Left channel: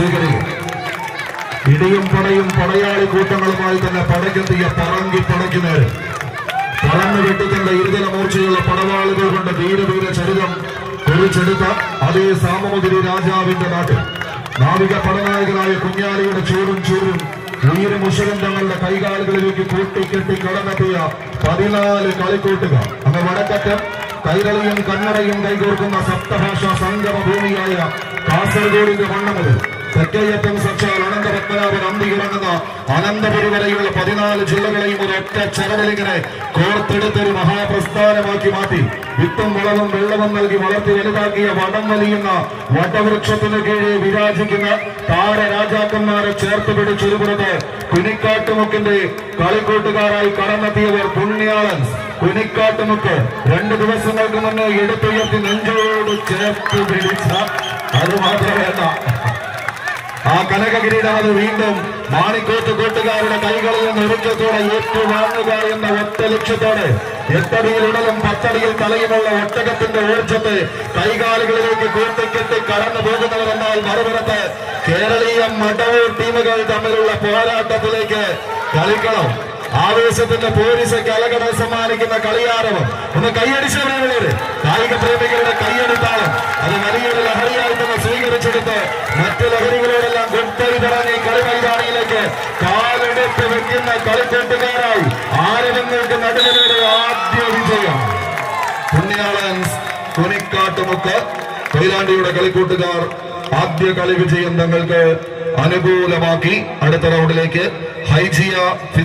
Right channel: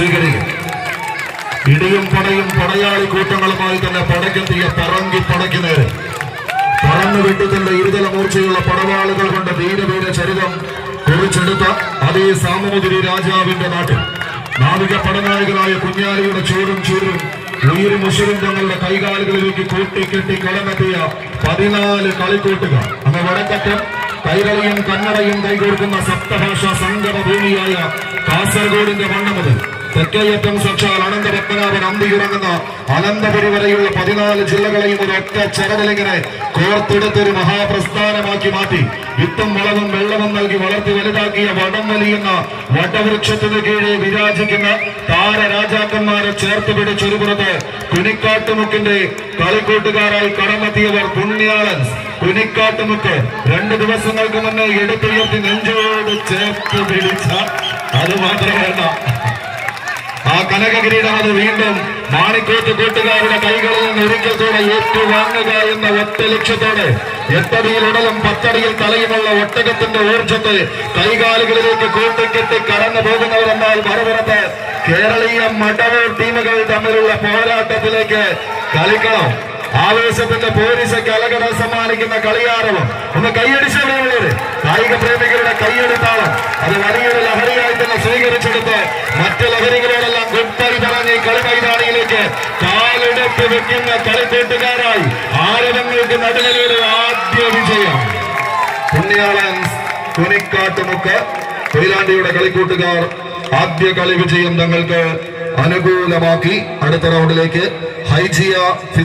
സ്വീകരിക്കും. ഇടിയും പടയും പടയാളി കൂട്ടങ്ങളുമായി തന്നെ പടക്കെത്തിയ പറങ്കി പടയ്ക്കുന്നവര് പറന്നു വെട്ടത്തിന്റെ ഇരുതല മൂർച്ചയുള്ള പടവാളുകൾ കൊണ്ട് ധീരവീര ചരിതം കുറിച്ചെടുത്ത അതേ സാമൂതിരി രാജാവിന്റെ നാട്ടിൽ നാവിക പടനായകനായ കുഞ്ഞാലിയുടെ ചൂടും ചൂരും ഉയരും ഉഷരും തങ്ങളുടെ കൈകാലുകളിലേക്ക് കൂട്ടിക്കെട്ടി കടന്നെത്തിയ 14 കളിക്കൂട്ടുകാർ. അന്ന് വടക്കറ്റം കൈരളിയും കന്നഡയും കൈകോർക്കുന്ന സപ്തഭാഷാ സംഗമ ഭൂമിയായ കാസർഗോഡിന്റെ മണ്ണ് മുതൽ തെക്കേയറ്റം സാക്ഷാൽ അനന്തപത്മനാഭൻ അന്തിയിറങ്ങുന്ന അനന്തപുരി വരെയുള്ള 14 ജില്ലകളെയും ഒരൊറ്റ ചരടിലിങ്ങനെ കോർത്തെടുത്തൊരു മഹാപ്രസ്ഥാനമാക്കി മാറ്റി വിത്തും വളവും വെള്ളവും നൽകി വളർത്തി വലുതാക്കിയ വടം വലിയുന്ന വടവൃക്ഷത്തിന് കീഴെ വിരാജിക്കുന്ന താരരാജാക്കന്മാരെ ചേർത്ത് പിടിച്ചൊരുപുറത്ത് കുനിക്കാട്ടുമുക്കിന്റെ കളിക്കൂട്ടുകാരായി കടന്നെത്തിയവർ പുണ്യാളൻസ് കുനിക്കാട്ടുമുക്ക് 2 ദിവസങ്ങൾക്ക് മുന്നേ എടുത്തുയർത്തി നെഞ്ചോട് ചേർത്ത് പിടിച്ച അത് മാത്രമല്ല ആ കനകകിരീടം അത് വീണ്ടും മാണിക്കോട്ട് കൂട്ടുകാരുടെ കൈകളിൽ നിന്ന് ഒരിക്കത്തോടെ ഏറ്റുവാങ്ങുക എന്ന ഒറ്റ ലക്ഷ്യത്തോടെ 8 അടിയിൽ ഉടലും 10 അടിയിൽ തലയുമുള്ള ഒട്ടകത്തിന്റെ ഊർജ്ജത്തെ കൈകാലുകളിലേക്ക് കൂട്ടിക്കെട്ടി കടന്നു പോകുന്നവരെന്നാൽ മറുപുറത്ത് കേരളീയ മടവൂർ ടീമുകൾ തമ്മിലുള്ള പോരാട്ടത്തിലേക്ക് കളിക്കണം. ആവേശത്തിന്റെ പോലീസ് കലകടൽ സമ്മാനിക്കുന്ന കളിയാരവം ഒന്ന് കൈയടിച്ചുള്ളവര് കായിക പ്രേമികളുടെ കൈയടിത്താളം അത് വലിയൊരു ലഹരിയായി തന്നെ സ്വീകരിച്ചെടുത്ത് മറ്റ് ലഹരികളോടെല്ലാം ഗുഡ്ബൈ പറഞ്ഞ് കളിമൈതാനിയിലേക്ക് കാലെടുത്ത് വെക്കുന്ന കളിക്കൂട്ടുകാരായി ആരവങ്ങൾക്ക് നടുവിലൊരു ആദ്യ വിജയം. പുണ്യാളൻസ് കുനിക്കാട്ടുമുക്ക് കൊയിലാണ്ടിയുടെ കളിക്കൂട്ടുകാർ ആദ്യ കളി വിജയം തങ്ങൾക്ക് അനുകൂലമാക്കി അടുത്ത റൗണ്ടിലേക്ക് ഹൈജിയ